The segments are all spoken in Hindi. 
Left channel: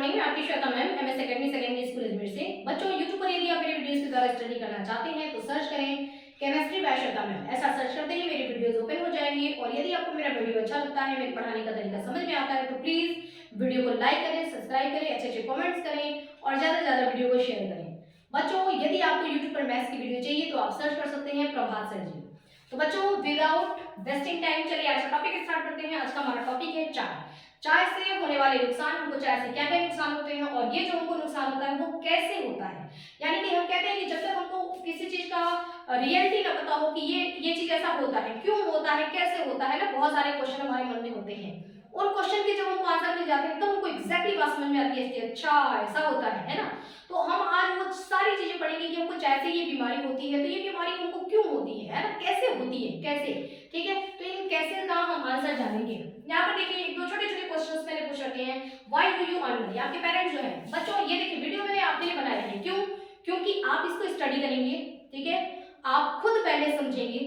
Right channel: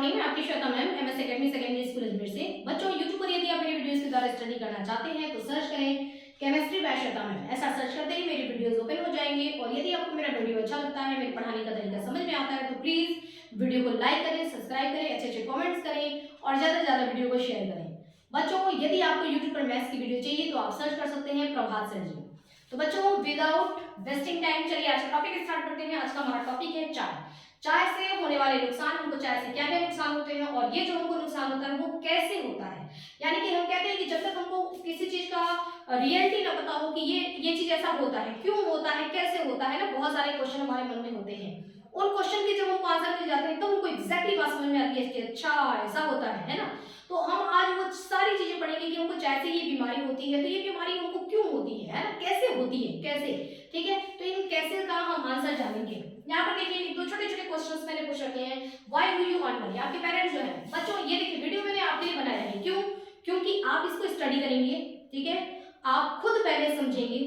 मॉर्निंग, मैं आपकी Shweta ma'am, MS academy secondary school Ajmer से। बच्चों, यूट्यूब पर यदि आप मेरे वीडियोस के द्वारा स्टडी करना चाहते हैं तो सर्च करें केमिस्ट्री बाय श्वेता मैम। ऐसा सर्च करते ही मेरे वीडियोस ओपन हो जाएंगे। और यदि आपको मेरा वीडियो अच्छा लगता है, मेरे पढ़ाने का तरीका समझ में आता है, तो प्लीज वीडियो को लाइक करें, सब्सक्राइब करें, अच्छे अच्छे कॉमेंट्स करें और ज्यादा से ज्यादा वीडियो को शेयर करें। बच्चों, यदि आपको यूट्यूब पर मैथ्स की वीडियो चाहिए तो आप सर्च कर सकते हैं प्रभात सर जी। तो बच्चों, विदाउट वेस्टिंग टाइम चलिए आज का टॉपिक स्टार्ट करते हैं। आज का हमारा टॉपिक है चाय। चाय से होने वाले नुकसान, हमको चाय से क्या क्या नुकसान होते हैं और ये जो हमको नुकसान होता है वो कैसे होता है। यानी कि हम कहते हैं कि जब तक हमको किसी चीज का रियलिटी ना पता हो कि ये चीज ऐसा होता है, क्यों होता है, कैसे होता है ना, बहुत सारे क्वेश्चन हमारे मन में होते हैं। उन क्वेश्चन के जब हमको आंसर मिल जाते हैं तो हमको एग्जैक्टली बात समझ में आती है कि अच्छा ऐसा होता है ना। तो हम आज वो सारी चीजें पढ़ेंगे कि हमको चाय से ये बीमारी होती है, तो ये बीमारी हमको क्यों होती है ना, कैसे होती है, कैसे, ठीक है। तो इन कैसे का हम आंसर जानेंगे। यहाँ पर देखिए दो छोटे छोटे क्वेश्चंस मैंने पूछ रखे हैं। Why do you earn money? आपके पेरेंट्स जो है बच्चों, ये देखिए वीडियो मैंने आपके लिए बनाया है। क्यों? क्योंकि आप इसको स्टडी करेंगे, ठीक है। आप खुद पहले समझेंगे,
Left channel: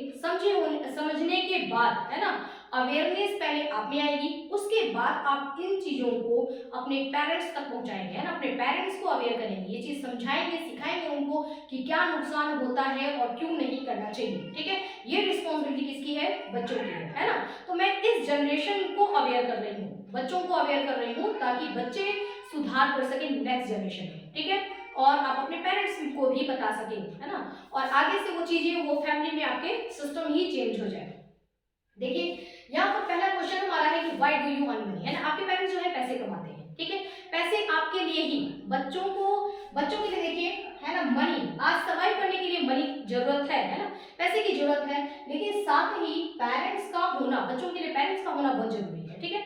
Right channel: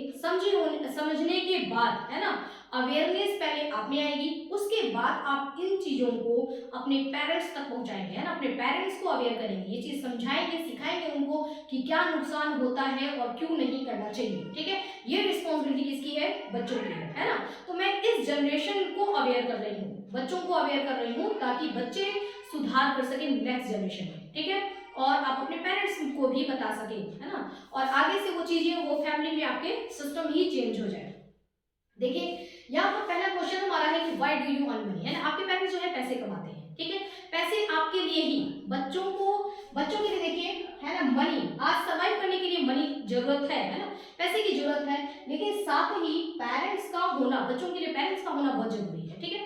समझने के बाद है ना, अवेयरनेस पहले आप में आएगी, उसके बाद आप इन चीजों को अपने पेरेंट्स तक पहुंचाएंगे, है ना। अपने पेरेंट्स को अवेयर करेंगे, ये चीज समझाएंगे, सिखाएंगे उनको कि क्या नुकसान होता है और क्यों नहीं करना चाहिए, ठीक है। ये रिस्पॉन्सिबिलिटी किसकी है? बच्चों की है ना। तो मैं इस जनरेशन को अवेयर कर रही हूँ, बच्चों को अवेयर कर रही हूँ, ताकि बच्चे सुधार कर सके नेक्स्ट जनरेशन में, ठीक है। और आप अपने पेरेंट्स को भी बता सके, है ना। और आगे से वो चीजें वो फैमिली में आपके सिस्टम ही चेंज हो जाए। देखिए यहाँ पर पहला क्वेश्चन हमारा है कि why do you earn money, है ना। आपके पेरेंट्स जो है पैसे कमाते हैं, ठीक है। पैसे आपके लिए ही, बच्चों के लिए देखिए, है ना। मनी, आज सर्वाइव करने के लिए मनी जरूरत है ना, पैसे की जरूरत है। लेकिन साथ ही पेरेंट्स का होना, बच्चों के लिए पेरेंट्स का होना बहुत जरूरी है, ठीक है।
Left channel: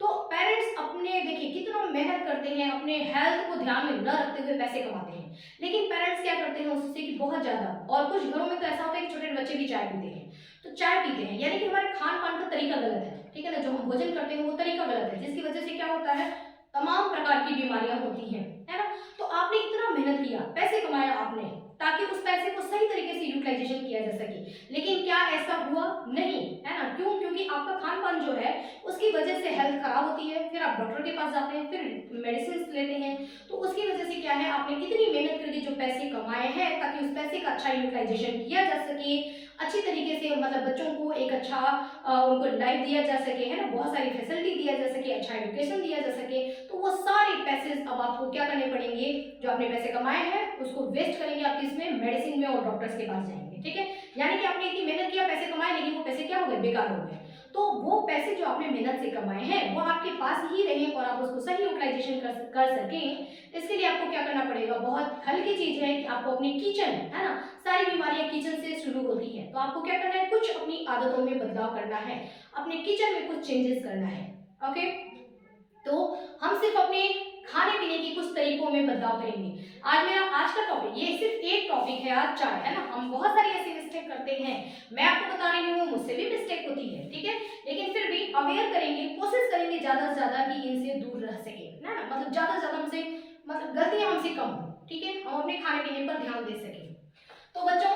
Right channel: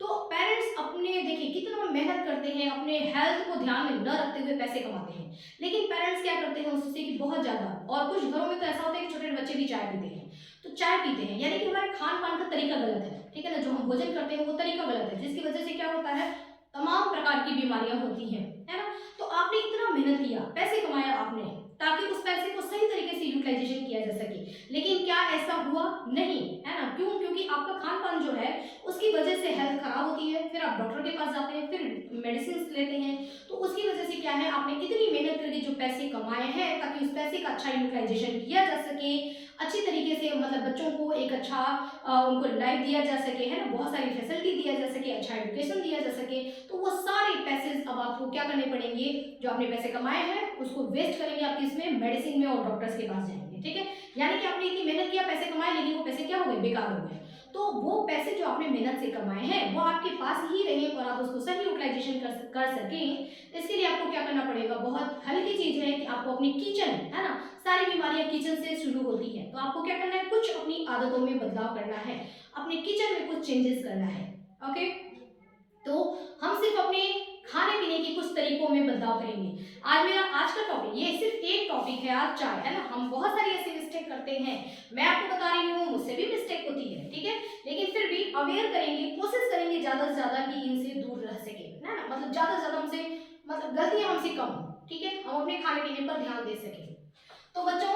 तो पेरेंट्स अपने देखिए कितना मेहनत करते हैं, अपने हेल्थ को ध्यान में न रखते हुए पैसे कमाते हैं। लेकिन पेरेंट्स क्या करते हैं उससे कि बहुत ज्यादा, और कुछ घरों में तो ऐसा होता है कि छोटे बच्चे भी चाय पीते हैं। तो चाय पीते हैं यानी कि हमारे खान पान का तरीका गलत है, ठीक है ना। जो हम भोजन करते हैं वो तरीका गलत है, जिसकी वजह से क्या होता है, तमाम प्रकार की बीमारियां होती हैं, है ना। तो आपने इतना मेहनत किया, पैसे कमाया आपने, ताकि उस पैसे को सही तरीके से यूटिलाइजेशन किया जा सके। लेकिन क्या ऐसा हुआ? नहीं, है ना। क्यों? क्योंकि आपका खान पान जो है उसकी वजह से हेल्थ खराब होती है, फिर आप डॉक्टर के पास जाते हैं, फिर मेडिसिन लेते हैं। तो उसकी वजह से क्या है, आपने इतनी मेहनत करके जो पैसे कमाए हैं, ताकि उस पैसे का अच्छा यूटिलाइजेशन किया जा सके, अच्छी तरीके से मतलब बच्चों को एक अच्छा उनको लाइफ दिया जा सके, है ना, बहुत सारी फैसिलिटी दिया जा सके, अच्छा एजुकेशन दिया जा सके। तो वो सारे पैसे अब आपको क्या करने पड़ेंगे, जो आपने पैसे कमाए हैं उसको वेस्ट करेंगे आप किसमें, मेडिसिन में और डॉक्टर्स के पास जाएंगे, ठीक है। यानी कि आपने इतनी मेहनत किया, पैसे कमाए, लेकिन वो पैसे क्या हो गए, बेकार हो गए। तो वो पैसे जो आपने मेहनत से कमाए हैं वो आपके पास ही रहे और आप उसको सही यूटिलाइजेशन कर सकें। इसके लिए आपको क्या करना पड़ेगा, बहुत हल्की चीज है कि आपको अपनी किचन, है ना, सारी बीमारियां किचन से शुरू होती है। तो आपको क्या करना है, कुछ अपनी आदतों में बदलाव करना है, अपने किचन में कुछ चेंजेस करना है, ओके। तो हम सिर्फ अपने खाने पीने की कुछ तरीकों में बदलाव करेंगे। आज का टॉपिक, ये सिर्फ एक टॉपिक है आज चाय, है ना। हम बहुत सारी ऐसी मिस्टेक करते हैं, मैं आपको बता रही हूँ, मुझसे भी मिस्टेक होती है, ठीक है। लेकिन फिर भी अवेयर करेंगे, कोशिश करेंगे ज्यादा से ज्यादा कि इनसे दूर रह सके, है ना। मतलब ज्यादा से ज्यादा हमसे, मतलब गलतियां हमसे कम हो, ठीक है। हम अपने खाने पीने पर ध्यान दे सके। तो बच्चों,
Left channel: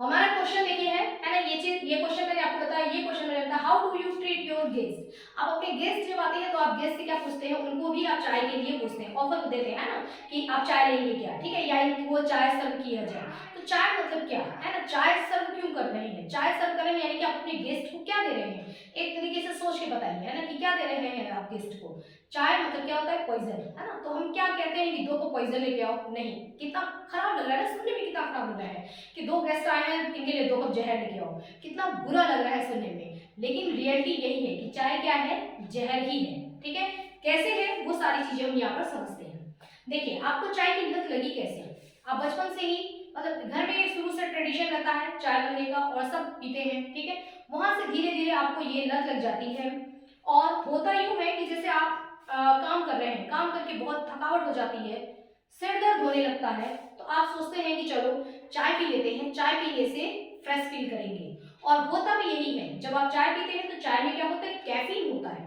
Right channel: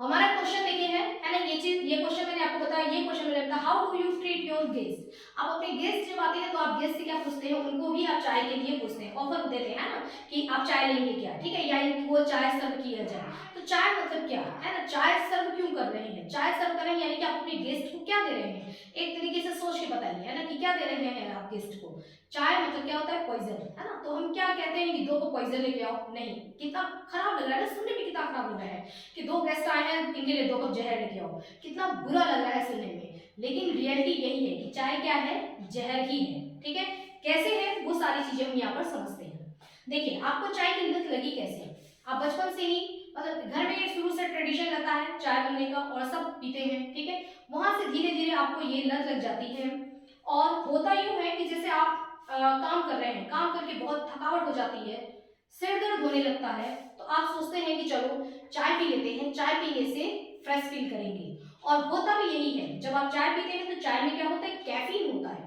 हमारा क्वेश्चन देखिए है ना, ये क्वेश्चन मैंने आपको बताया, ये क्वेश्चन मैंने बताया, how do you treat your guest. आप अपने गेस्ट जब आते हैं तो आप गेस्ट से क्या पूछते हैं, उनको भी आप चाय के लिए पूछते हैं, ऑफर देते हैं, है ना, कि आप चाय लेंगे क्या, ठीक है, या वो चाय सर्व किया जाए। तो चाय मतलब क्या है ना, चाय सर्व क्यों कर रहे हैं, चाय सर्व कर रहे हैं यानी कि आप अपने गेस्ट को क्या दे रहे हैं, एक तरीके से सोच के बताइए, है ना, कि क्या दे रहे हैं आप गेस्ट को। चाय मतलब क्या होता है, पॉइजन, है ना। तो हम क्या कहते हैं कि दो को पॉइजन लेके आओ, नहीं, कितना खराब लग रहा है सुनने में, कितना खराब लग रहा है कि दो गेस्ट आए हैं, इनके लिए 2 कप जहर लेके आओ, कितना बुरा लग रहा है सुनने में। लेकिन रियलिटी यही है कि चाय क्या है, जहर ही है, ठीक है। कैसे है वो सारी चीजें हम यहाँ पर समझते हैं। देखिए आपको चाय की लत लगी कैसे, आप बचपन से ही, मतलब घर में शुरू से ट्रेडिशन रहता है चाय बनने का और सब पीते हैं, ठीक है। वहां से धीरे धीरे आपको ये लत लग जाती है। और होता यूं है कि जैसे आप काम कर रहे हैं, काम करके बहुत थकावट हो जाती है, सिर दर्द होने लगता है, तो आप सोचते हैं कि चलो चाय पी लेते हैं, चाय पीने से फ्रेश फील करेंगे। और होता भी यही है, जब आप चाय पीते हैं तो चाय में क्या होता है, कैफीन होता है।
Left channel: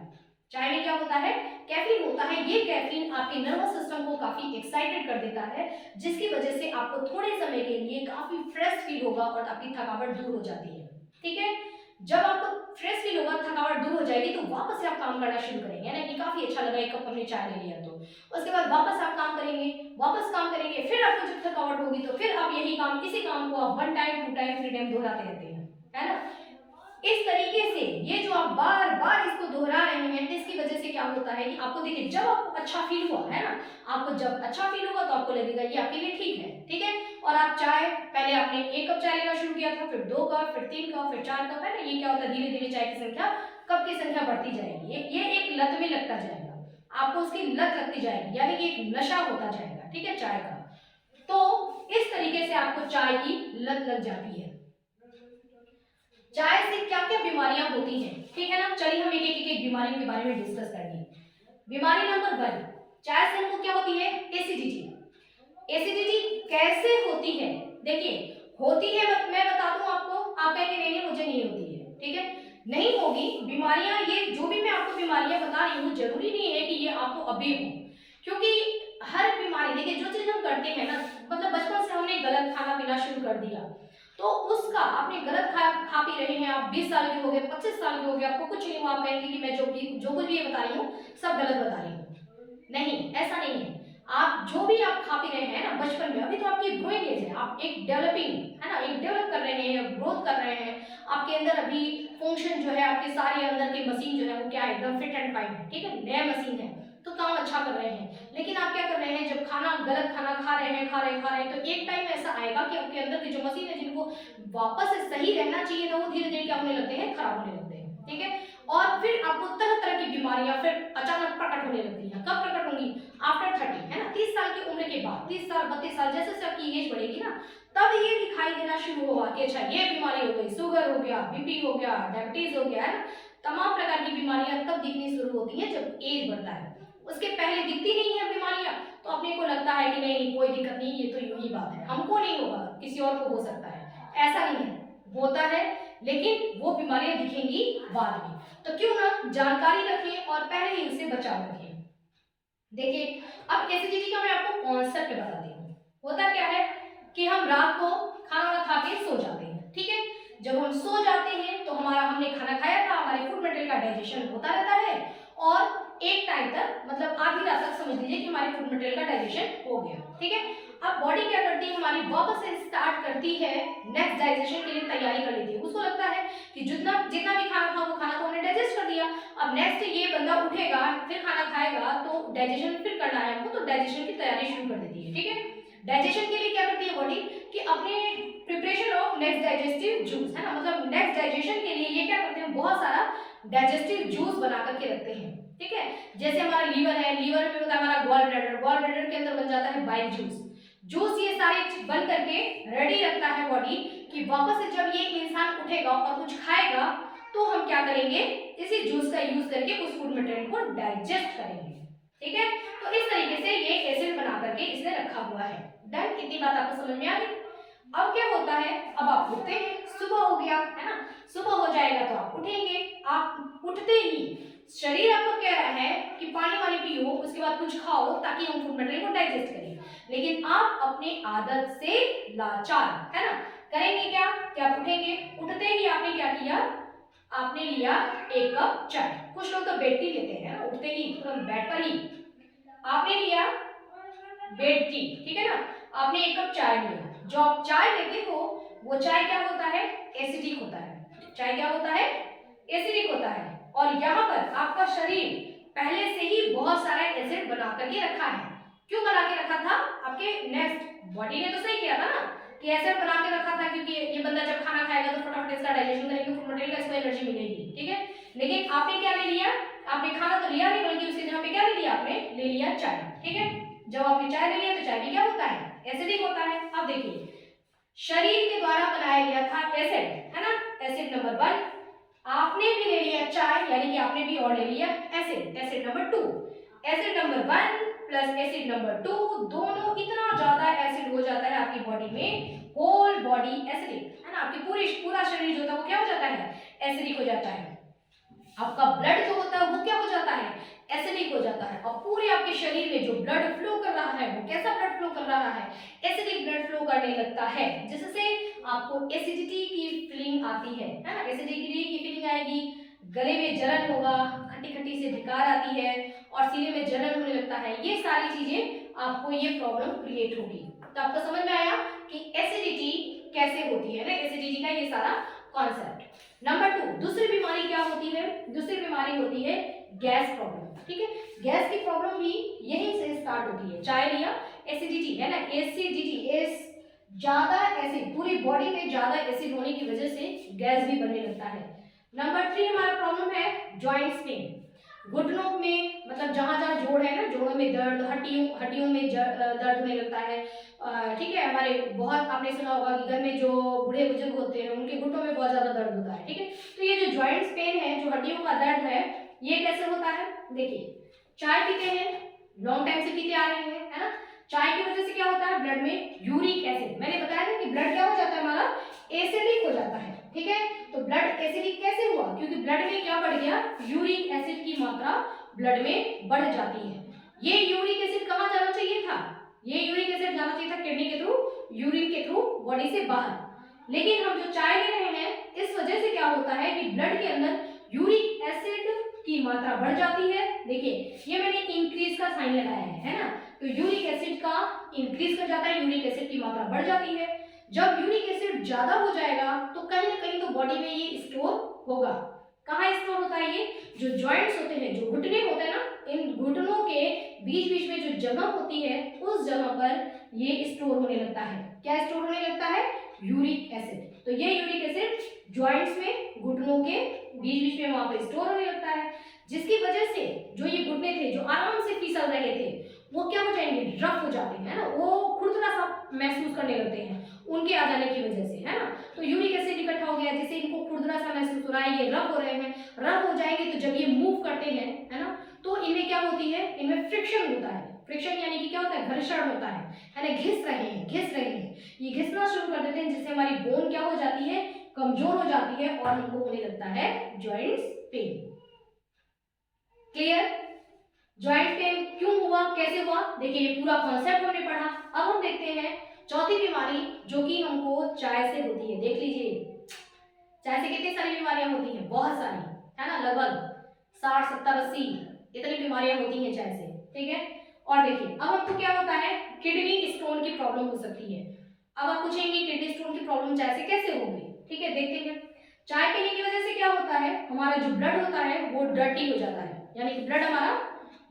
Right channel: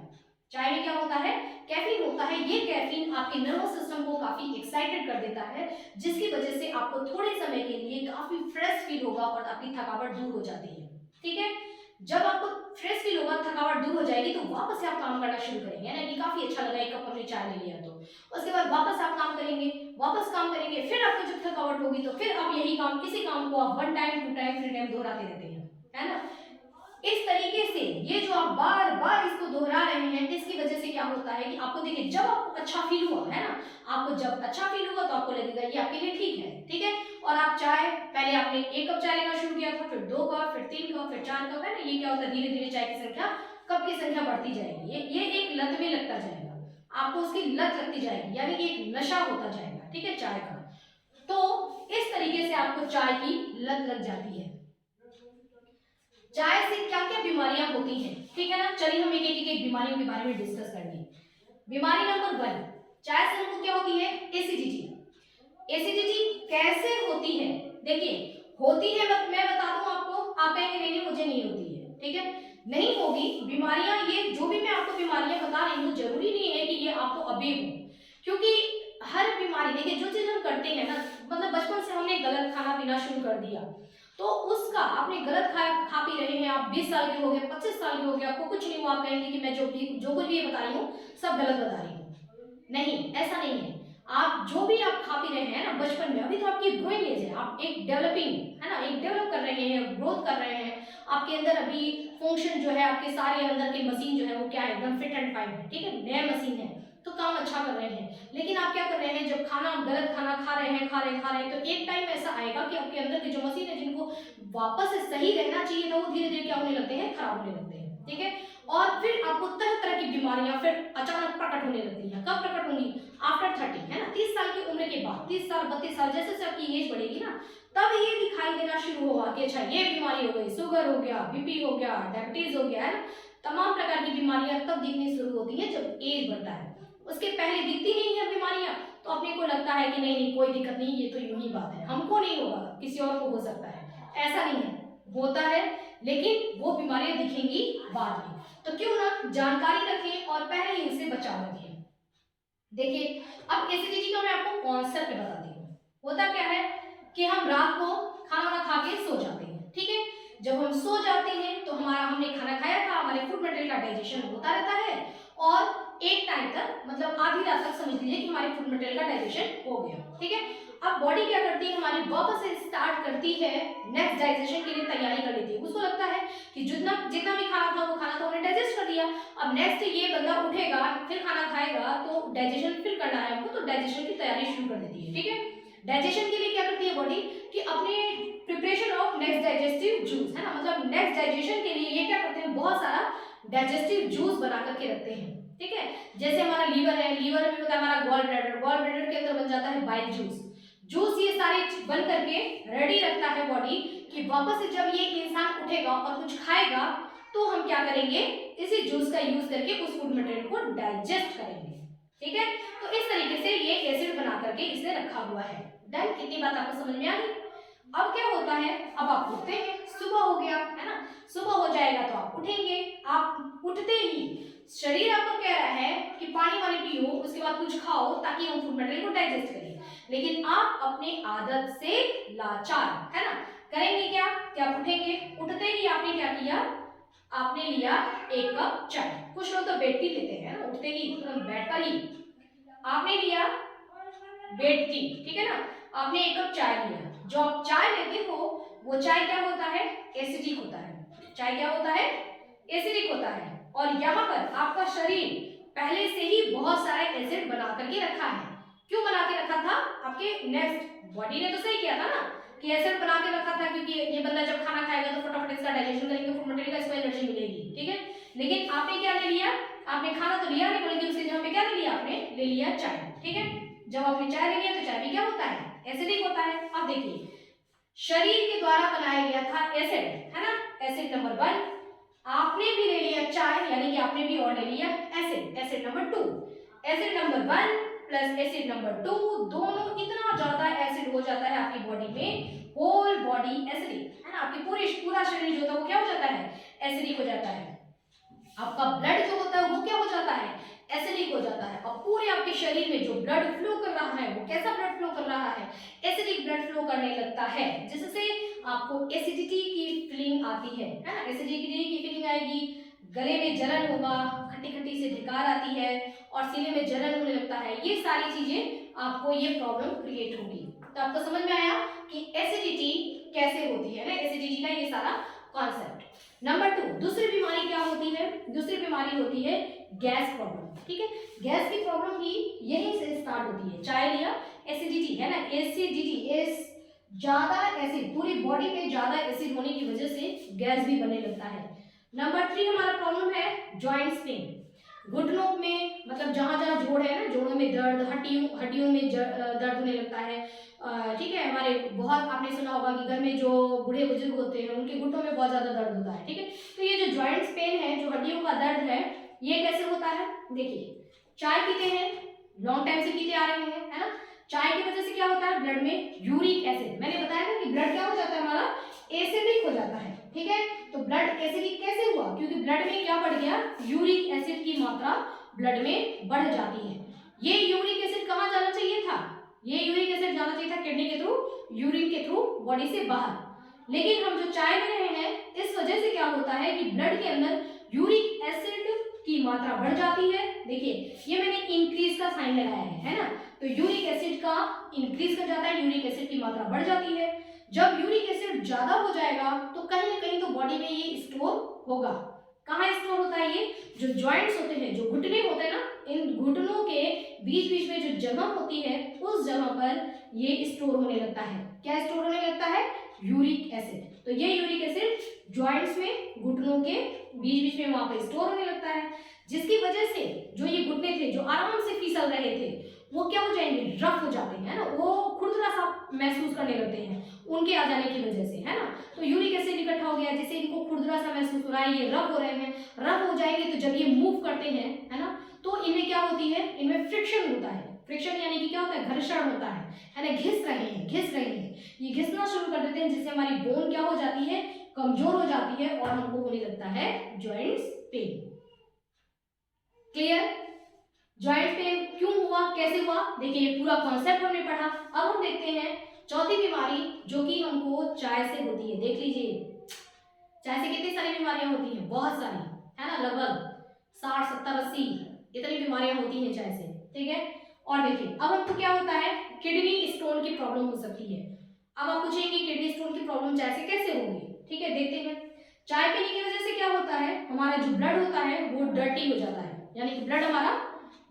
चाय में क्या होता है, कैफीन होता है। ये कैफीन आपके नर्वस सिस्टम को काफी एक्साइटेड कर देता है, जिसकी वजह से आपको थोड़े समय के लिए काफी फ्रेश फील होगा और आपकी थकावट दूर हो जाती है, ठीक है। जब आपको फ्रेश फील होगा, थकावट दूर हो जाएगी, तो वापस से आप काम करना शुरू करेंगे, है ना कि काफी अच्छा लगा एक कप हमने चाय ले लिया, तो उसके बाद वापस आप काम करेंगे, वापस काम करेंगे, फिर आपको जब थकावट होगी तो फिर आप यही काम, इसी काम को आप 1 टाइम 2 टाइम 3 टाइम दोहराते रहते हैं, है ना। इस तरीके से ये जो आप बार बार इसको दोहरा रहे हैं, इसकी वजह से क्या होता है कि आपको देखिए, जब आपको अच्छा फील हुआ, है ना, आपको जब अच्छा फील हुआ तो आपको लगेगा ये आपके लिए ठीक है, ठीक है। और आप चाय, पहले आपने 1 कप चाय लेना शुरू किया था, फिर 2 कप, फिर 3 कप, फिर 4 कप, है ना, ये क्या होता है, धीरे धीरे चाय की संख्या, कप की संख्या बढ़ती जाएगी, ये एक लत में लगता जाएगा, आपको उसकी लत लगती जाएगी, यानी कि एक नशा होता जाएगा, ठीक है, चाय का। तो इस तरीके से आपको चाय की लत लग जाती है। चाय से क्या क्या बीमारियां होती हैं, ठीक है ना, चलिए हम एक एक बीमारियों के बारे में डिस्कस करेंगे। बीमारी नंबर 1, चाय से हमको क्या होती है, एसिडिटी। एसिडिटी कैसे होती है, देखिए होती है, मैं बता दूं आपको, आप कहेंगे नहीं मुझे नहीं होती है, ठीक है, नहीं होगी बीमारियां, ये जो भी मैं आपको बीमारियां बता रही हूँ, जरूरी नहीं है कि ये आपको अभी हो, क्योंकि हर बीमारी, देखिए जो चीज हम करते हैं ना, मतलब बचपन से हमने गलत खाना पीना शुरू कर दिया, तो उसका आपने गलत खा पी रहे हैं, आप 20 साल के हो गए, 25 साल के हो गए, आपको कुछ नहीं हुआ, आप कहेंगे कि मैं जो कुछ भी ये बता रही हूँ सब गलत बता रही हूँ, नहीं, ऐसा नहीं है। आप जो भी आप खा पी रहे हैं ना बचपन में, अभी तो आपकी ग्रोइंग एज है, आप एक डेवलपिंग, है ना, एक डेवलप कर रहे हैं, ग्रोथ कर रहे हैं, आपके अंदर अभी फंक्शन जो है, आपके सारे अंदर के मशीन जो है वो क्या है, एकदम फिट एंड फाइन है, ठीक है, नया मशीन है, तो काम अच्छा कर रहे हैं। लेकिन आप क्या कर रहे हैं, जब खाना गलत खाना खा रहे हैं, तो एक टाइम ऐसा आएगा कि आपके अंदर की जो मशीन है, जिनको वापस से सही रहना चाहिए था, वो धीरे धीरे क्या होने लगते हैं, खराब होने लगते हैं, ठीक है। और फिर आपको तरह तरह की बीमारियां फिर अचानक प्रकट होने लगती हैं, कब प्रकट होंगी, आफ्टर 30, है ना, 30 साल की उम्र के बाद, 30 साल 32 साल, जैसे जैसे आपकी एज बढ़ेगी ना, तब ये दिखाई देना शुरू होगा कि अच्छा ये बीमारी हो गई, शुगर हो गया, बीपी हो गया, डायबिटीज हो गया, है ना, तमाम प्रकार की बीमारियां तब दिखनी शुरू होती हैं जब एज बढ़ता है, उसके पहले दिखती नहीं है बीमारियां, तो अपने को लगता है कि नहीं कोई दिक्कत नहीं, ये तो यूं ही बात है, हमको नहीं होगा, किसी और को हो सकता है, ऐसा नहीं है, होता है, लेकिन वो बीमारियां दिखेंगी बाद में। तो क्यों ना जानकारी रखिए और पहले ही उससे बचाव रखिए। देखिए अब एसिडिटी का मैं आपको कॉन्सेप्ट बताती हूँ। होता क्या है कि हम रात को खाना ना खा के सो जाते हैं, ठीक है, जब हम सो जाते हैं तो हमने खाना खाया था, हमारे फूड मटेरियल का डाइजेशन होता रहता है, और एक टाइम तक, मतलब आधी रात तक समझ लीजिए कि हमारे फूड मटेरियल का डाइजेशन हो गया, ठीक है। अब बॉडी क्या करती है, हमारी वापस से स्टार्ट करती है, नेक्स्ट डाइजेशन के लिए तैयारी कर लेती है, उसको लगता है कि जितना जितना भी खाना था वो खाना तो हमने डाइजेस्ट कर दिया, अब नेक्स्ट ये बंदा उठेगा फिर खाना खाएगा, तो डाइजेशन फिर करना है हमको, तो डाइजेशन की तैयारी शुरू कर देती है, ठीक है। डाइजेशन के लिए क्या करती है बॉडी कि अपने preparation of next digestive juice, है ना, मतलब नेक्स्ट डाइजेशन के लिए ये क्या करते हैं, बहुत सारा डाइजेस्टिव जूस बना करके रखते हैं, ठीक है। जैसे हमारा लीवर है, लीवर में होता है हमारा गॉल ब्लैडर, गॉल ब्लैडर के अंदर बन जाता है बाइल जूस, जूस ये सारे बन करके रेडी रखता है बॉडी कि वापस से जब ये इंसान उठेगा और कुछ खाएगा तो हम क्या करेंगे, इसी जूस का यूज करके उस फूड मटेरियल को डाइजेस्ट करेंगे, ठीक है। तो इस तरीके से ये एसिड बना करके इसने रखा हुआ है। डन, इतनी बात आपको समझ में आ गई। अब क्या होता है, अब आप उठते हैं, सुबह हो गया, है ना, सुबह हो जाएगा तो आप उठेंगे, आप उठते ही शरीर आपको कह रहा है कि पानी वानी पियो, उसके बाद कुछ खाओ ताकि हम फूड मटेरियल को डाइजेस्ट करें, लेकिन आप अपनी आदत से लाचार, है ना, करेंगे क्या कि आप उठेंगे, उठते ही आपने क्या किया, आपने लिया 1 कप चाय, कुछ लोग तो बेड टी लेते हैं ना, उठते ही तुरंत बेड पर ही, आपने लिया बेड टी, ठीक है ना, आपने 1 कप चाय लिया, जो आप चाय लेते हो वो चाय क्या होता है, एसिडिक होता है, चाय क्या होता है, एसिडिक होता है, और यहाँ पर आपका शरीर पहले से ही बहुत सारा एसिड बना करके रखा है, क्यों बना के रखा था, आपके नेक्स्ट बॉडी ने तो सही किया था ना कि एसिड बना के रखा था, क्योंकि ये बंदा जब खाना खाएगा तो फटाफट इसका डाइजेशन करेंगे, फूड मटेरियल का इसको एनर्जी मिलेगी, ठीक है। लेकिन आपने क्या ले लिया, आपने खाना तो लिया नहीं, बल्कि उसकी जगह पे क्या ले लिया, आपने ले लिया चाय, ठीक है। जब आपने चाय ले लिया तो चाय भी क्या होता है, एसिडिक होता है। अब देखिए शरीर के द्वारा बनाया गया था एसिड, है ना, एसिड नंबर 1, आपने भी ले लिया चाय, यानी कि आपने भी और ले लिया acid, acid number 2, acid number 1 plus acid number 2, दोनों इतना ज्यादा एसिड हो जाता है आपकी बॉडी में, होल बॉडी एसिडिक, है ना, आपकी पूरा शरीर जो होता है वो क्या हो जाता है, एसिडिक हो जाता है, आपका ब्लड जो होता है वो क्या हो जाता है, एसिडिक हो जाता है, और पूरे आपके शरीर में जो ब्लड फ्लो कर रहा है वो कैसा ब्लड फ्लो कर रहा है, एसिडिक ब्लड फ्लो करने लगता है, जिससे आपको एसिडिटी की फीलिंग आती है ना, एसिडिटी की फीलिंग आएगी, गले में जलन होगा, खट्टी खट्टी से ढिकार आती है और सीने में जलन होने लगता है। ये सारी चीजें आपको ये प्रॉब्लम क्रिएट होगी। तो आपको समझ में आया कि एसिडिटी कैसे होती है ना, एसिडिटी का ये सारा कॉन्सेप्ट। नंबर 2, दूसरी बीमारी क्या होती है? दूसरी बीमारी होती है गैस प्रॉब्लम। ठीक है, गैस की प्रॉब्लम भी यहीं से स्टार्ट होती है। चाय लिया, एसिडिटी है ना, एसिडिटी, ज्यादा एसिड, पूरी बॉडी में ज्यादा एसिड होने की वजह से गैस भी बनने लगता है। नंबर 3 हमारा प्रॉब्लम है जॉइंट्स पेन। घुटनों में, मतलब जहां जहां जोड़ है ना, जोड़ों में दर्द, हड्डियों में दर्द होने लगता है। ठीक है, हमारे बहुत आपने सुना होगा कि घर में जो बूढ़े बुजुर्ग होते हैं उनके घुटनों में बहुत ज्यादा दर्द होता है। ठीक है, तो ये जो जॉइंट्स पेन है, जो हड्डियों का दर्द है, ये कैसे होता है? देखिए, चाय पीते हैं, लॉन्ग टाइम से पीते आ रहे हैं, है ना, चाय की वजह से क्या होता है? ब्लड में यूरिक एसिड, मैंने बताया ना कि ब्लड क्या हो जाता है हमारा, एसिडिक हो जाता है। ठीक है, तो ब्लड एसिडिक कैसे हुआ? क्योंकि ब्लड में क्या बढ़ गया? यूरिक एसिड की मात्रा ब्लड में बढ़ जाती है। ये यूरिक एसिड कहाँ जाना चाहिए था? ये यूरिक एसिड जाना चाहिए था किडनी के थ्रू, यूरिन के थ्रू बॉडी से बाहर। लेकिन हम जो चाय ले रहे हैं, इस वजह से क्या होता है कि ब्लड के अंदर यूरिक एसिड की मात्रा बढ़ जाती है। देखिए, ये मैंने इंक्रीज का साइन लगाया है ना, तो यूरिक एसिड का इंक्रीज कर जाता है, यूरिक एसिड की मात्रा बढ़ जाती है। जब यूरिक एसिड ज्यादा हो जाएगा तो कहीं ना कहीं तो बॉडी में ये स्टोर होगा। कहाँ स्टोर होता है? ये जो जॉइंट्स होते हैं, जो घुटने होते हैं ना, इन घुटनों के बीच बीच में जो जगह होती है, उस जगह पर ये स्टोर होने लगता है। क्या स्टोर होने लगता है? Uric acid. तो ये यूरिक एसिड जॉइंट्स में, घुटनों के बीच बीच में वहां पर स्टोर होने लगता है, जिसकी वजह से जो ये घुटने थे, जो आराम से फिसल रहे थे, वो क्या हो जाएंगे? रफ हो जाते हैं ना, वो खुरदुरा सा महसूस करने लगते हैं उनके आ जाने की वजह से, है ना। तो यूरिक एसिड इकट्ठा हो गया, जिससे इनको खुरदुरा सा महसूस हो रहा है, ये रफ हो रहे हैं। रफ हो जाएंगे तो जब ये मूव करते हैं, है ना, तो इनमें क्या होती है? इनमें फ्रिक्शन होता है। फ्रिक्शन यानी कि क्या होता है? घर्षण होता है ना, घिस रहे हैं, घिस रहे हैं, ये घिसना शुरू कर देते हैं, जिससे हमारी बोन क्या हो जाती है? कमजोर हो जाती है और हमको होने लगता है joints pain. Clear? Joint pain क्यों हुआ, कैसे हुआ? देखिए, ये पूरा कॉन्सेप्ट हमने पढ़ा। अब हम देखते हैं चौथी बीमारी, जो कि हमको चाय से होती है। देख लीजिए, चाय से कितनी सारी बीमारियां होती हैं? बहुत सारी, है ना, लगभग 60, 70, 80 इतनी बीमारियां होती हैं चाय से। ठीक है, और देखिए, अब आपको क्या होता है? किडनी स्टोन की प्रॉब्लम हो सकती है। अब आप पूछेंगे किडनी स्टोन की प्रॉब्लम चाय से कैसे होगी? ठीक है, देखते हैं। चाय पीने की वजह से क्या होता है? हमारा जो ब्लड होता है वो डर्टी हो जाता है, यानी कि ब्लड हमारा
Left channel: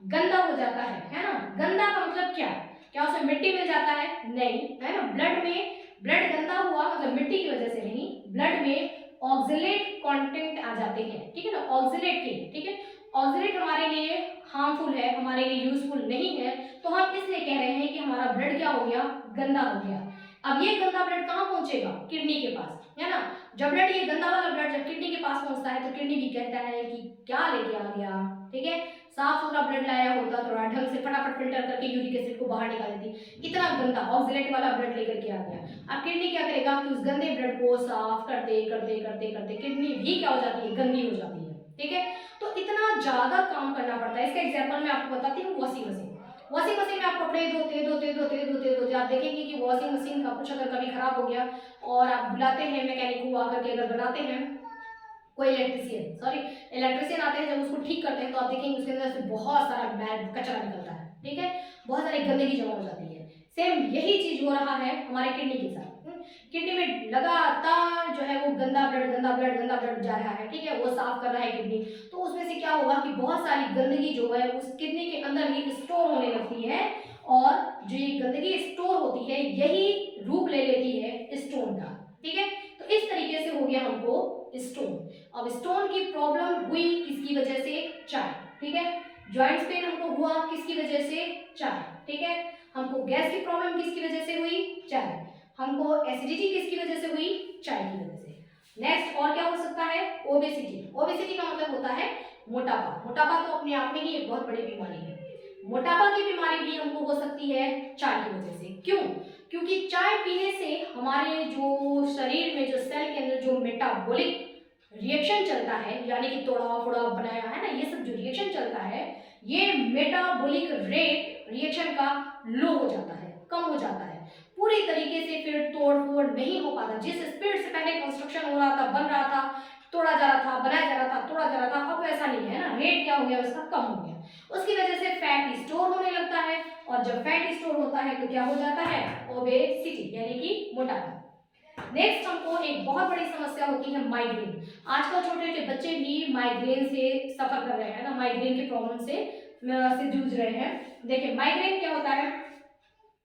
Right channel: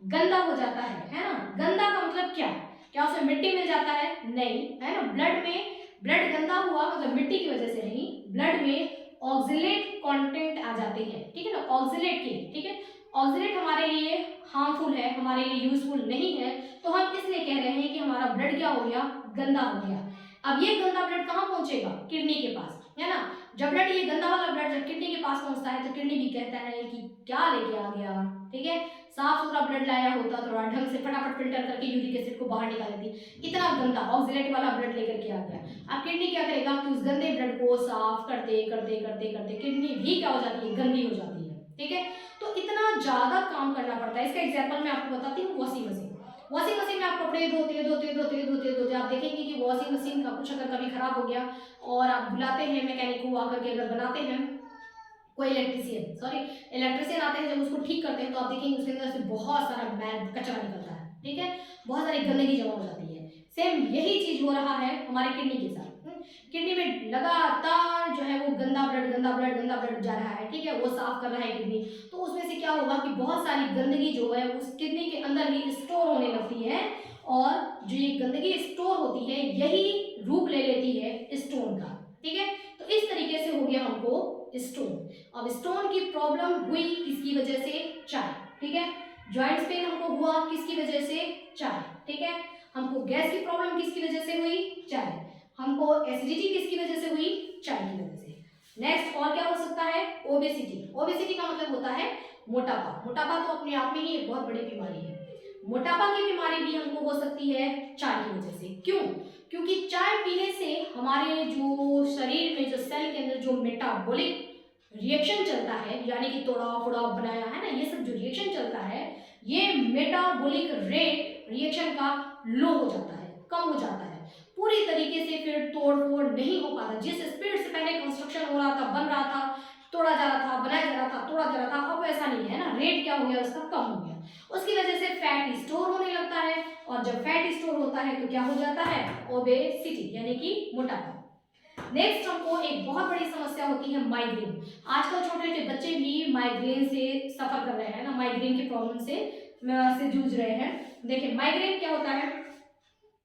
गंदा हो जाता है ना। गंदा का मतलब क्या? क्या उसमें मिट्टी मिल जाता है? नहीं, है ना। ब्लड में ब्लड गंदा हुआ मतलब मिट्टी की वजह से नहीं, ब्लड में ऑक्जेलेट कंटेंट आ जाते हैं। ठीक है ना, ऑक्जेलेट के, ठीक है, ऑक्जेलेट हमारे लिए हार्मफुल है, हमारे लिए यूजफुल नहीं है, तो हम इसलिए कह रहे हैं कि हमारा ब्लड क्या हो गया? गंदा हो गया। अब ये गंदा ब्लड कहाँ पहुंचेगा? किडनी के पास, है ना। जब ब्लड, ये गंदा वाला ब्लड जब किडनी के पास पहुंचता है तो किडनी भी कहता है कि क्या लेके आ गया। ठीक है, साफ सुथरा ब्लड लाया होता, थोड़ा ढंग से फटाफट फिल्टर करके यूरिक एसिड को बाहर निकाल देती, इतना गंदा ऑक्जेलेट वाला ब्लड लेकर के आ गया। अब किडनी क्या करेगा कि उस गंदे ब्लड को साफ करते करते करते करते किडनी भी क्या हो जाती है? गंदी हो जाती है। ठीक है, तो इतना ज्यादा काम करना पड़ता है। इसका एग्जाम्पल मैं आपको बताती हूँ, वॉशिंग मशीन। वॉशिंग मशीन में आप कपड़े धोते धोते धोते धोते धोते आप देखेंगे कि वॉशिंग मशीन का कुछ अगर कभी खराब हो गया और आप बुलाते हैं मैकेनिक को, आकर के अगर बनाते हैं, कोई इलेक्ट्रिशियन आते हैं, जब उसको ठीक करते हैं तो आप देखेंगे उसके अंदर से बहुत सारा मैल कचरा निकलता है। ठीक है, बहुत सारी गंदगी जमा हो जाती है। सेम यही चीज हो रहा है हमारे किडनी के साथ। किडनी में लगातार जो है वो गंदा ब्लड जा रहा है। ठीक है, वो साफ कर रहा है किडनी, तो उसमें से क्या होगा कि बहुत सारी गंदगी जो है उस किडनी के अंदर ही स्टोर होने लगती है, और जो ये गंदगी स्टोर होती है यही रूप ले लेती है स्टोन का। ठीक है, तो इस तरीके से हो गया हमको स्टोन। अब स्टोन की प्रॉब्लम हुई किसकी वजह से? चाय। ठीक है, जॉइंट्स पेन हमको हुआ किसकी वजह से? चाय। ठीक है, हमको गैस की प्रॉब्लम किसकी वजह से हुई? चाय। हमको एसिडिटी किसकी वजह से हुई? चाय की वजह से। नेक्स्ट और क्या हो सकता है? ओबेसिटी। ओबेसिटी का मतलब होता है मोटापा। मोटापा तो अपने आप में ही एक बहुत बड़ी बीमारी है। मोटापा की बीमारी भी हमको हो सकती है चाय की वजह से। क्यों? क्योंकि चाय पीने से हमारे जो शरीर में, जो सेल के अंदर जो मेटाबॉलिक रिएक्शन चलता है, यानी कि तोड़ा फोड़ा बनाया है ना, ये सब जो रिएक्शन चलता है, ये मेटाबॉलिक रेट रिएक्शन का लो हो जाता है, कम हो जाता है। पूरी तरीके से फिर तोड़ फोड़ नहीं हो पाता। जिस स्पीड से पहले कंस्ट्रक्शन हो रहा था, बन रहा था, तोड़ा जा रहा था, बनाया जा रहा था, तोड़ा जा रहा था, अब ऐसा नहीं है ना, रेट क्या हो गया उसका, कम हो गया। उसकी वजह से फैट स्टोर होने लगता है, और जब फैट स्टोर होता है तो क्या हो जाता है, ओबेसिटी यानी कि मोटापा। नेक्स्ट हमको एक बहुत बड़ी समस्या होती है माइग्रेन। आजकल छोटे छोटे बच्चे भी माइग्रेन से सफर कर रहे हैं ना, माइग्रेन की प्रॉब्लम से जूझ रहे हैं। देखिए माइग्रेन क्या होता है,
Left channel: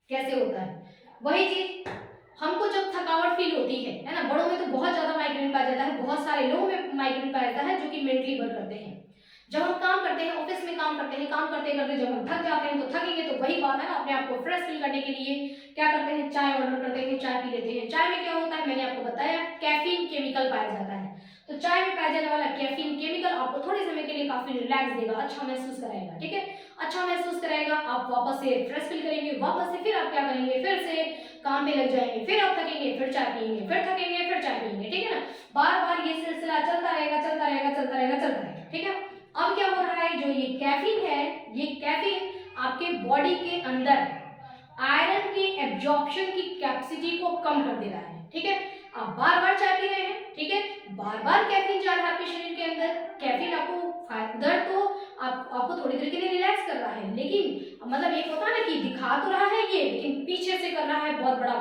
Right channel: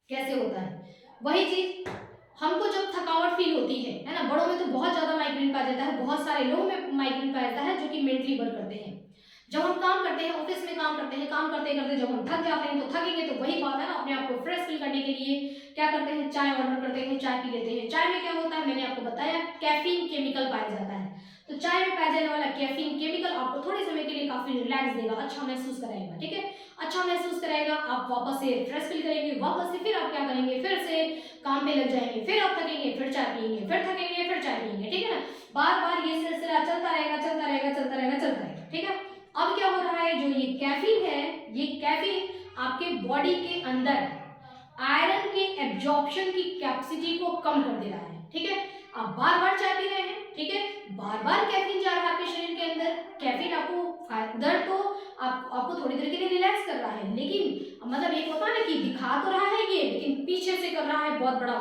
कैसे होता है, वही चीज हमको जब थकावट फील होती है ना, बड़ों में तो बहुत ज्यादा माइग्रेन पाया जाता है, बहुत सारे लोगों में माइग्रेन पाया जाता है जो कि मेंटली वर्क करते हैं। जब हम काम करते हैं, ऑफिस में काम करते हैं, काम करते करते जब हम थक जाते हैं तो थकेंगे तो वही बात है ना, अपने आप को फ्रेश फील करने के लिए क्या करते हैं, चाय ऑर्डर करते हैं, चाय पी लेते हैं। चाय में क्या होता है, मैंने आपको बताया कैफीन केमिकल पाया जाता है। तो चाय में पाया जाने वाला कैफीन केमिकल आपको थोड़े समय के लिए काफी रिलैक्स देगा, अच्छा महसूस कराएगा, ठीक है, अच्छा महसूस कराएगा, आप वापस से फ्रेश फील करेंगे, वापस से फिर आप क्या करेंगे, फिर से काम पे लग जाएंगे, फिर आप थकेंगे, फिर चाय पियेंगे, फिर थकेंगे, फिर चाय पियेंगे, ठीक है ना, बार बार ये सिलसिला चलता रहेगा, चलता रहेगा, चलता रहेगा, चलता रहेगा, ठीक है। अब क्या हो रहा है, जो ये कैफीन है, ये कैफीन आपके बॉडी के अंदर आयरन के एब्जॉर्प्शन की कैपेसिटी को कम कर दे रहा है, ठीक है। आप बार बार चाय पी रहे हैं, ठीक है, बार बार कैफीन जा रहा है आपके शरीर के अंदर। कैफीन आपको दर्द तो आपको थोड़ी देर के लिए रिलैक्स कर रहा है, लेकिन मतलब एक होता है ना कि दिखा तो रहा है ये, लेकिन पीछे से कर रहा है बहुत बड़ा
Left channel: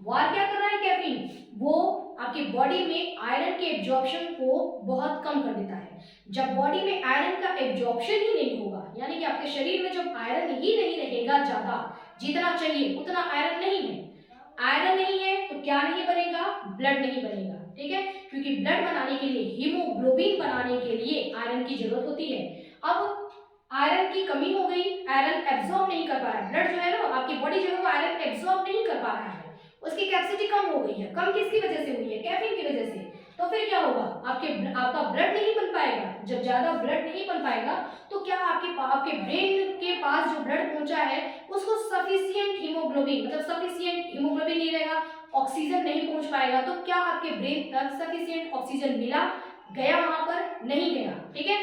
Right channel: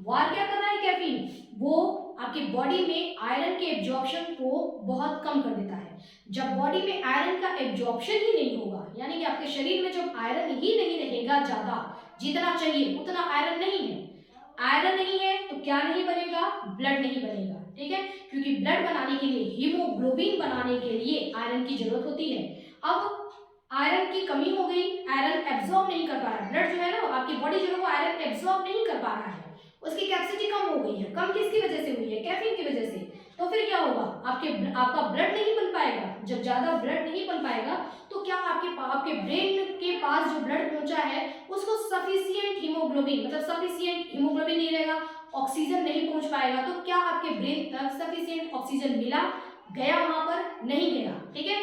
वार क्या कर रहा है कैफीन, वो आपकी बॉडी में आयरन के एब्जॉर्प्शन को बहुत कम कर देता है। जब बॉडी में आयरन का एब्जॉर्प्शन ही नहीं होगा, यानी कि आपके शरीर में जब आयरन ही नहीं रहेगा, ज्यादा जितना चाहिए उतना आयरन नहीं है, आयरन नहीं है तो क्या नहीं बनेगा, ब्लड नहीं बनेगा, ठीक है, क्योंकि ब्लड बनाने के लिए, हीमोग्लोबिन बनाने के लिए आयरन की जरूरत होती है। अब आयरन की कमी हो गई, आयरन एब्जॉर्ब नहीं कर पा रहा है, ब्लड जो है ना, आपकी बॉडी जो है वो आयरन एब्जॉर्ब नहीं कर पा रहा है, उसकी कैपेसिटी कम हो गई है। कम किसकी वजह से हुई है, कैफीन की वजह से। तो फिर क्या होगा, आपका ब्लड नहीं बन पाएगा। जब ज्यादा ब्लड नहीं बन पाएगा तो क्या आपके ब्रेन के पास जो ब्लड पहुंचा है उसको सफिशिएंट हीमोग्लोबिन, मतलब सफिशिएंट हीमोग्लोबिन नहीं रहेगा, ऑक्सीजन नहीं पहुंच पाएगा, तो क्या आपके ब्रेन तक सफिशिएंट ऑक्सीजन मिला, गया वहां पर, नहीं गया, ठीक है।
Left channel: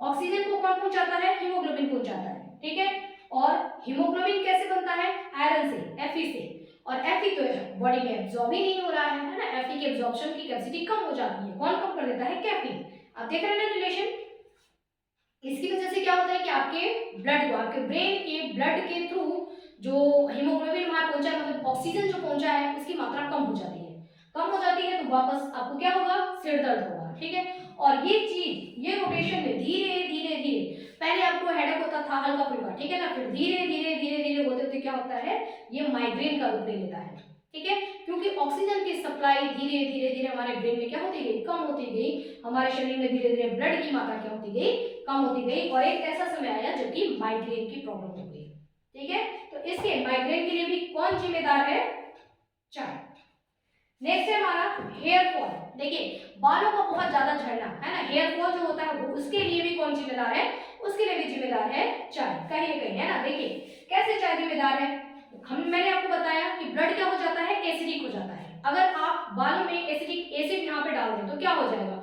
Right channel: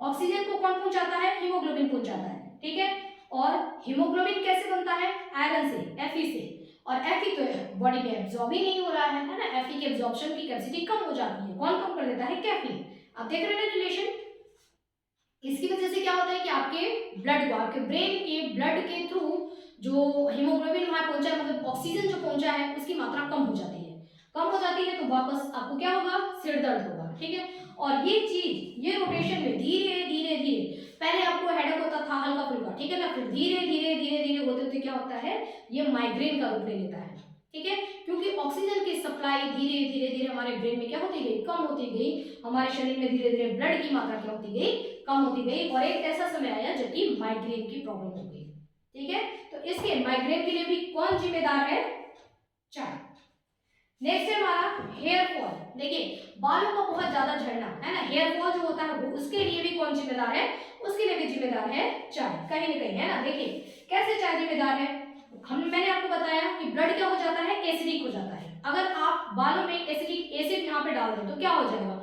ऑक्सीजन को कौन पहुंचाता है, हीमोग्लोबिन पहुंचाता है, ठीक है। और हीमोग्लोबिन कैसे बनता है, आयरन से, Fe से, और Fe तो बॉडी में एब्जॉर्ब ही नहीं हो रहा है ना, Fe की एब्जॉर्प्शन की कैपेसिटी कम हो जाती है, कौन कम कर देता है, कैफीन। आप देख रहे हैं रिलेशन। इसकी वजह से क्या होता है कि आपके ब्लड को, आपके ब्रेन के ब्लड के थ्रू जो हीमोग्लोबिन वहां पहुंचा है, मतलब ऑक्सीजन जो पहुंचा है उसकी मात्रा कम हो जाती है, कम हो जाती है, तो वापस आपको क्या होगा, सिर दर्द होगा, ठीक है। और ये चीज, ये रोटेशन में धीरे धीरे धीरे, पहले आपको हेडेक होता था हल्का फुल्का, ठीक है ना, फिर धीरे धीरे धीरे धीरे होते होते क्या होता है, ये माइग्रेन का रूप ले लेता है, ठीक है, क्योंकि ऑक्सीजन की सप्लाई धीरे धीरे धीरे हमारे ब्रेन में क्या होती गई, कम होती गई, हमारे शरीर में धीरे धीरे ब्लड की मात्रा क्या होती गई, कम होती गई, और एक ऐसा समय आया जबकि माइग्रेन की प्रॉब्लम हो गई, ठीक है। तो इसके माइग्रेन के लिए भी कौन जिम्मेदार है, चाय। नेक्स्ट है हमारा हेयर फॉल। देखिए बालों का बहुत ज्यादा झड़ना है ना, हेयर फॉल जो होता है वो, उसके लिए भी कौन जिम्मेदार है, उसके लिए भी जिम्मेदार है चाय, कहीं ना कहीं, है ना। देखिए कैसे चाय जिम्मेदार है, मैंने आपको बताया कि ब्लड क्या हो जाता है, एसिडिक हो जाता है। अगर आप बालों में एसिडिक एसिड यहाँ पे डाल दें तो क्या हो जाएगा,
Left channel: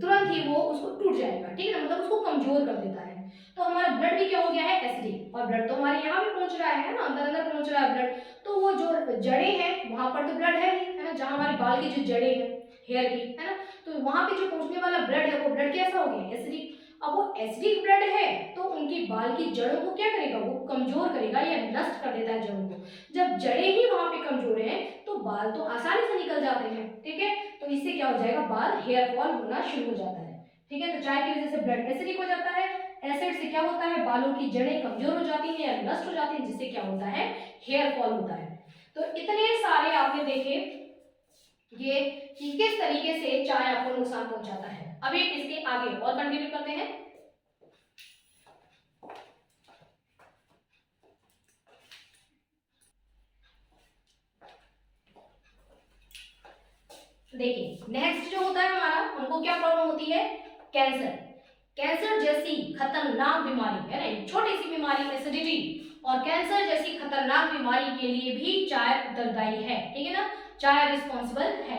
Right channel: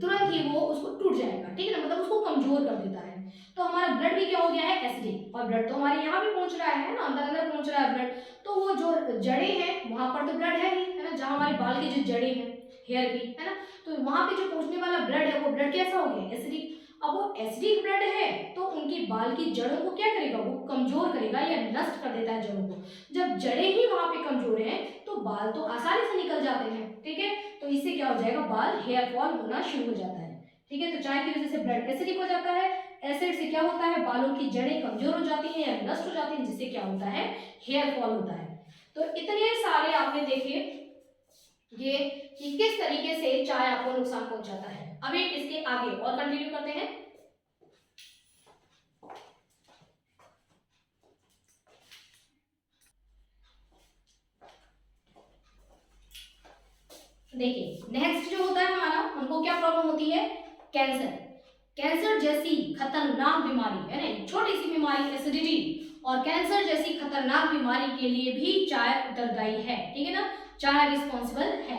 तुरंत ही वो उसको टूट जाएगा, ठीक है ना, मतलब उसको कमजोर कर देता है। तो हमारा ब्लड भी क्या हो गया है, एसिडिक, और ब्लड तो हमारे यहाँ भी पहुंच रहा है ना, अंदर अंदर पहुंच रहा है ब्लड, तो वो जो जड़ें हैं वहां पर तो ब्लड है ही, है ना, जहाँ हमारे बाल की जो जड़ें हैं हेयर की, है ना, तो वहां पे जो पहुंचने वाला ब्लड है वो ब्लड कैसा हो गया, एसिडिक। अब वो एसिडिक ब्लड है तो उनकी बाल की जड़ों को क्या करेगा, वो कमजोर करेगा या नष्ट कर देता है जड़ों को। जब जड़ें ही वहां पे कमजोर हैं तो बाल तो आसानी से निकल जाते हैं, ठीक है, तो इससे क्या हो जाएगा, बाल हेयर फॉल होना शुरू हो जाता है, ठीक है। तो चाय की वजह से ब्लड एसिडिक हो जाता है, एसिड से क्या होता है, बालों की जड़ें कमजोर हो जाती हैं या नष्ट हो जाती हैं, जिससे क्या होता है, हेयर फॉल होता है। तो इतने सारे आपने देखे ये कि किस तरीके से चाय आपको नुकसान पहुंचाता है। अभी इसके आगे और कंटिन्यू करते हैं। देखिए नेक्स्ट जो होता है हमारा, हमको क्या प्रॉब्लम होती है, कैंसर। कैंसर जैसी खतरनाक बीमारी है ना, छोटी सी बीमारी एसिडिटी, और कैंसर जैसी खतरनाक बीमारी के लिए भी चाय उत्तरदायी है, ठीक है ना, चाय रिस्पॉन्सिबल है।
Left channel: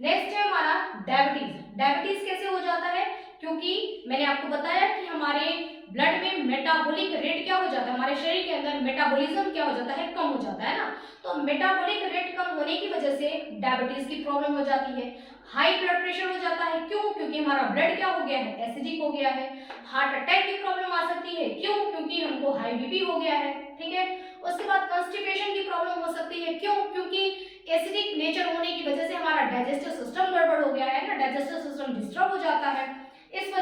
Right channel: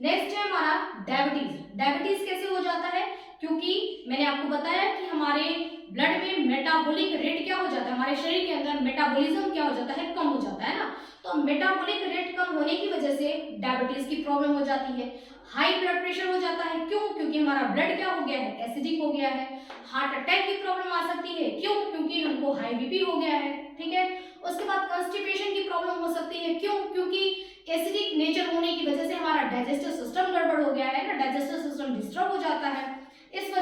नेक्स्ट है हमारा डायबिटीज। डायबिटीज कैसे हो जाता है, क्योंकि मैंने आपको बताया कि हमारे ब्लड में मेटाबॉलिक रेट क्या हो जाता है, हमारे शरीर के अंदर मेटाबॉलिज्म क्या हो जाता है, कम हो जाता है ना। तो मेटाबॉलिक रेट कम होने की वजह से डायबिटीज की प्रॉब्लम हो जाती है, हाई ब्लड प्रेशर हो जाता है। क्यों? क्योंकि हमारा ब्लड क्या हो गया है, एसिडिक हो गया है। हार्ट अटैक की प्रॉब्लम आ सकती है। क्यों? क्योंकि हमको हाई बीपी हो गया है। ठीक है। उसके बाद कॉन्स्टिपेशन की प्रॉब्लम हो सकती है। क्यों? क्योंकि एसिडिक नेचर होने की वजह से हमारा डाइजेस्टिव सिस्टम गड़बड़ हो गया है ना, डाइजेस्टिव सिस्टम डिस्टर्ब हो जाता है। इस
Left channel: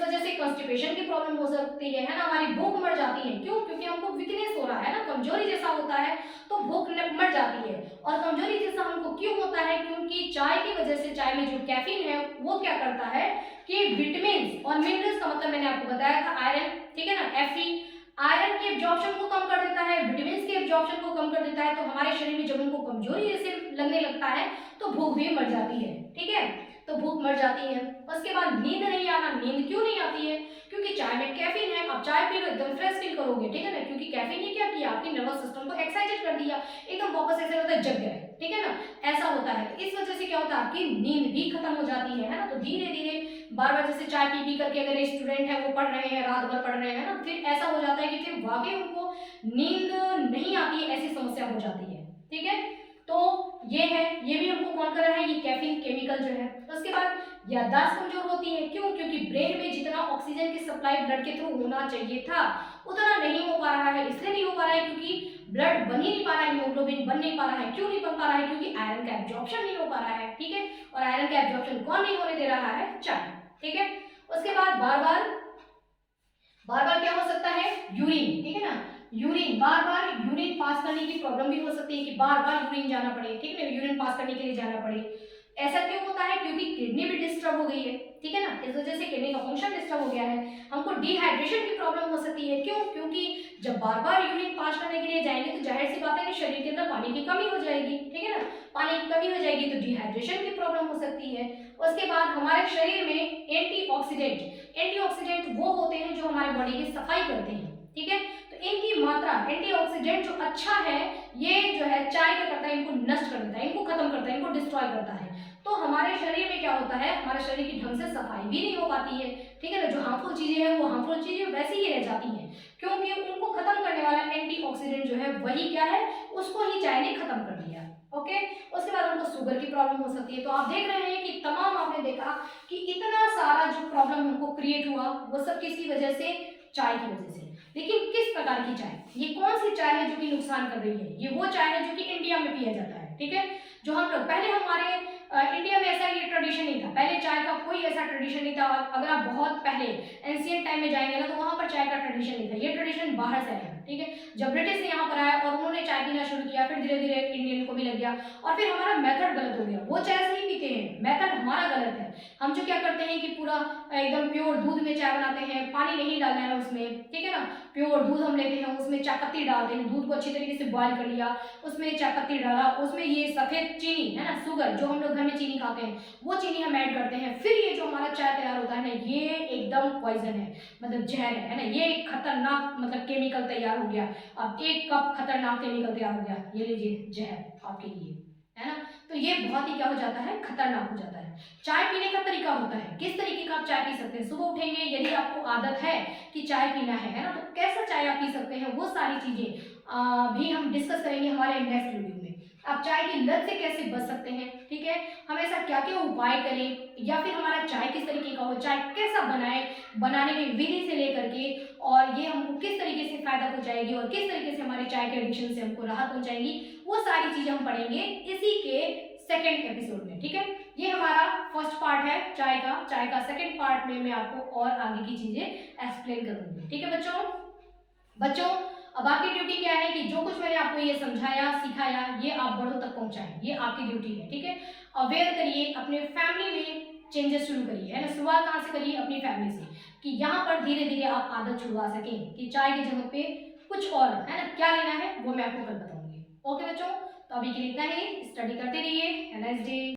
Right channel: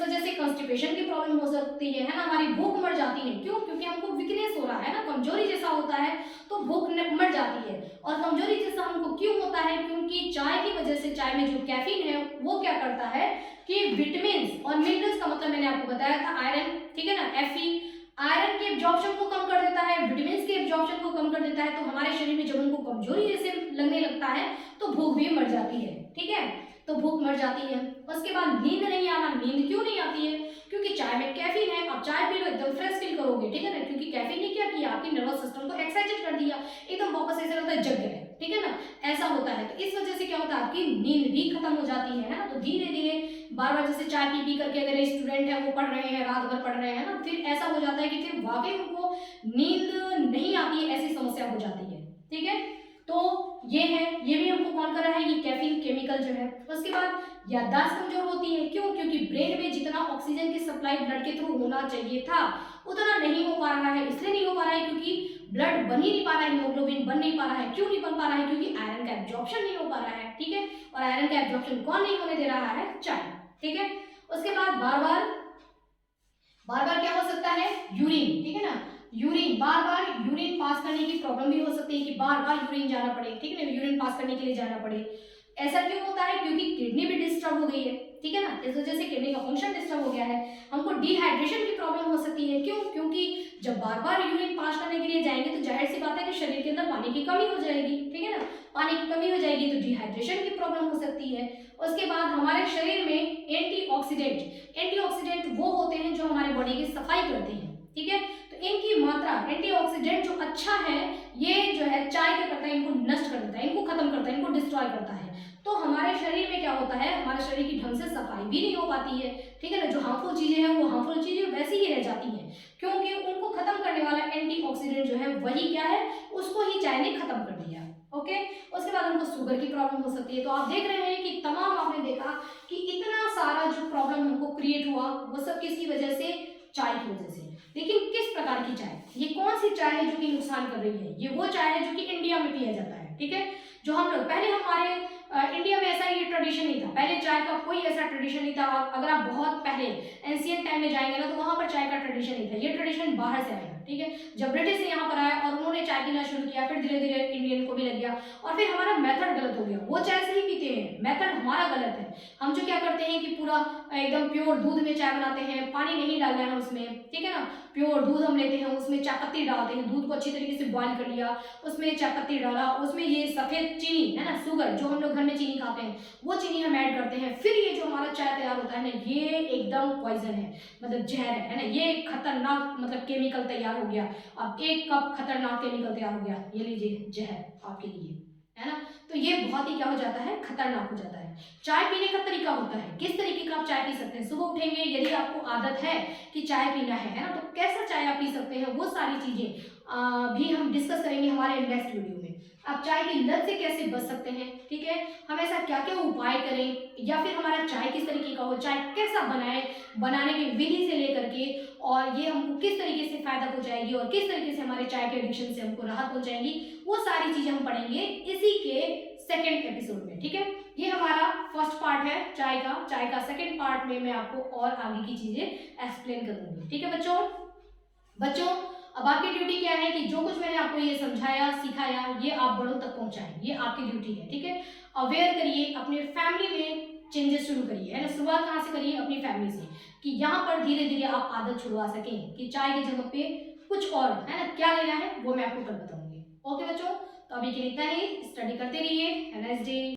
वजह से कॉन्स्टिपेशन की प्रॉब्लम हो सकती है ना। हमारी भूख मर जाती है। क्यों? क्योंकि हमको वीकनेस हो रहा है ना, कमजोरी जैसा होता है, तो भूख मर जाती है। और कमजोरी जैसा हमको क्यों होता है? क्योंकि चाय की वजह से, चाय में जो कैफीन है वो क्या करता है कि विटामिन और मिनरल्स का मतलब मैंने आपको बताया था आयरन, ठीक है ना, Fe, आयरन के एब्जॉर्प्शन को कम कर देता है, विटामिन के एब्जॉर्प्शन को कम कर देता है। तो हमारे शरीर में जब उनको कमजोरी जैसे लगने लगता है तो भूख भी मर जाती है। ठीक है, तो भूख मर जाती है। उसके बाद नींद नहीं आना। नींद क्यों नहीं आती है? क्योंकि चाय में कैफीन है। आप चाय पी लो एकदम फ्रेश फील करोगे, ठीक है ना, क्योंकि कैफीन ने क्या किया, आपके नर्वस सिस्टम को एक्साइटेड कर दिया, एकदम वापस ऐसा लगता है जग गए, ठीक है ना, ऐसा होता है। तो इस वजह से क्या होता है, आपकी नींद भी खत्म हो जाती है ना। तो धीरे धीरे बार बार जैसे चाय पी पी करके अगर स्टूडेंट है वो पढ़ रहे हैं, रात भर पढ़ रहे हैं ना, फिर ऐसा हो जाता है कि फिर वाकई उनको नींद नहीं आती है, ऐसी समस्या हो जाती है। ठीक है, तो ये है, ये भी हमको कौन कर रहा है, ये कैफीन केमिकल जो है। उसके बाद याददाश्त कमजोर होती है। क्यों? क्योंकि ब्रेन में जितना ऑक्सीजन की सप्लाई ब्लड के थ्रू होना चाहिए था उतना नहीं हो पा रहा है। इसलिए नहीं हो पा रहा है क्योंकि ब्लड बन ही नहीं पा रहा है, हीमोग्लोबिन बन नहीं पा रहा है। क्यों नहीं बन पा रहा है? क्योंकि आयरन का एब्जॉर्प्शन नहीं हो पा रहा है। ठीक है, और आयरन का एब्जॉर्प्शन कौन नहीं होने दे रहा है, चाय। ठीक है, उसके बाद बार बार क्या हो सकता है, यूरिन, ठीक है ना, यूरिन बार बार यूरिन पास करने की प्रॉब्लम भी हो सकती है कि बार बार यूरिन जाना पड़े, ठीक है ना, यूरिन पास करने के लिए जाना पड़े। ऐसा क्यों होता है? क्योंकि किडनी भी डिस्टर्ब हो गई है, ठीक है ना, इस वजह से किडनी का फंक्शन डिस्टर्ब हो गया है। हमको डिहाइड्रेशन की प्रॉब्लम हो सकती है। क्यों? क्योंकि जब बार बार यूरिन पास करने के लिए जाएंगे तो जाहिर सी बात है कि शरीर के अंदर पानी की कमी हो जाएगी, ठीक है ना, पानी की कमी हो जाएगी तो डिहाइड्रेशन की प्रॉब्लम हो सकती है। उसके बाद हमारे शरीर में एंटीऑक्सीडेंट वो होते हैं जो हमारे बॉडी की सफाई करते हैं, ठीक है, तो इनकी मात्रा, एंटीऑक्सीडेंट जो अच्छा है ये जो है चाय क्या करता है, इनको नष्ट कर देता है, इनको खत्म करता है, इनको डिस्ट्रॉय करता है। तो हमारे शरीर में क्या होता है, हमारे शरीर की ढंग से सफाई भी नहीं हो पाती है, ठीक है ना, जो हार्मफुल चीजें हैं वो हार्मफुल चीजें वैसी ही रह जाती हैं, क्योंकि उनको खत्म करने वाला एंटीऑक्सीडेंट जो है वही क्या है, उसको ही चाय ने खत्म कर दिया। ओके, उसके बाद हमको शुगर की प्रॉब्लम हो सकती है। तो आप देख रहे हैं कि तमाम, आपने देखा कि इतना सारा जो प्रॉब्लम हमको क्रिएट हुआ वो सब किसकी वजह से, चाय की वजह से। लेकिन किस प्रकार की चाय, ये कौन सी चाय है जो कि नुकसान कर रही है? ये वो चाय है जो कि इंडिया में पिया जाता है, ठीक है, जो हम लोग पहले हमारे इंडिया में ऐसा ये ट्रेडिशन नहीं था, पहले चाय का कोई ऐसा ट्रेडिशन नहीं था। अगर आप बहुत पहले एंशिएंट टाइम में जाएंगे ना तो वहां पर चाय का ट्रेडिशन नहीं था, ये ट्रेडिशन बाहर से आया, ठीक है, जब ब्रिटिश ने यहाँ पर आया और उन्होंने चाय पीना शुरू किया, फिर धीरे धीरे इंडियन को भी लग गया, और फिर हमारा मेथड गलत हो गया। वो चाय से ही पीते हैं, मेथड हमारा गलत है। हम जो क्या करते हैं कि पूरा एकदम प्योर दूध में चाय बनाते हैं, पानी नहीं डालना है उसमें, ठीक है ना, प्योर दूध हम लेते हैं, उसमें चाय पत्ती डालते हैं, दूध को अच्छी तरीके से बॉयल कर लिया, उसमें चाय पत्ती डाला, उसमें ये सफेद चीनी है ना, शुगर, जो हम लोग घर में चीनी खाते हैं वो चीनी हम ऐड करते हैं, फिर ये जो हमारा चाय तैयार होता है ना, ये एकदम पॉइजन है, मतलब जहर है ना, ये एक खतरनाक मतलब केमिकल तैयार हो गया। अब 1 कप खतरनाक केमिकल तैयार हो गया, ये लीजिए जहर आपके लिए, है ना। तो ये बहुत ही क्या हो जाता है, खतरनाक हो जाता है। चाय पीने का तरीका होता है, किस तरीके का आप चाय पी सकते हैं। सुबह उठेंगे, यदि आपको आदत है कि चाय पीना है ना, तो कैसा चाय आप पी सकते हैं, वो सारी चीजें भी हम डिस्कस करेंगे हमारे नेक्स्ट वीडियो में। आप चाय की लत से कैसे बच सकते हैं, ठीक है, हम ऐसा क्या क्या उपाय करें, या फिर हमारा चाय किस तरीके का हो, चाय कैसा बनाए, बनाने की विधि से लेकर के, और ये हमको किस तरीके से फायदा पहुंचाएगी और किस तरीके से हमारे चाय के एडिक्शन से हमको राहत पहुंचाएगी, वो सारी चीजें हम पढ़ेंगे इसी के सेकेंड एपिसोड में, ठीक है। ये हमारा फर्स्ट पार्ट है चाय का सेकेंड पार्ट में मैं आपको और आगे की चीजें एक्सप्लेन करूंगी, ठीक है बच्चों। अब आपकी ड्यूटी क्या है कि जो कुछ मैंने आपको ये समझाया, सिखाया, ये आप बड़ों तक पहुंचाएं, ये आपकी ड्यूटी है, ठीक है। अवेयर करिए, अपने फैमिली में चेंजेस शुरू करिए, है ना, शुरुआत कहाँ से करिए, अपनी फैमिली से, कि यहाँ पर धीरे धीरे आप आदत छुड़वा सकें कि चाय की जगह पे कुछ और, है ना, क्या लेना है वो मैं आपको कल बताऊंगी। ओके बच्चों, तो अभी के लिए इतना ही, स्टडी करते रहिए, हैव अ नाइस डे।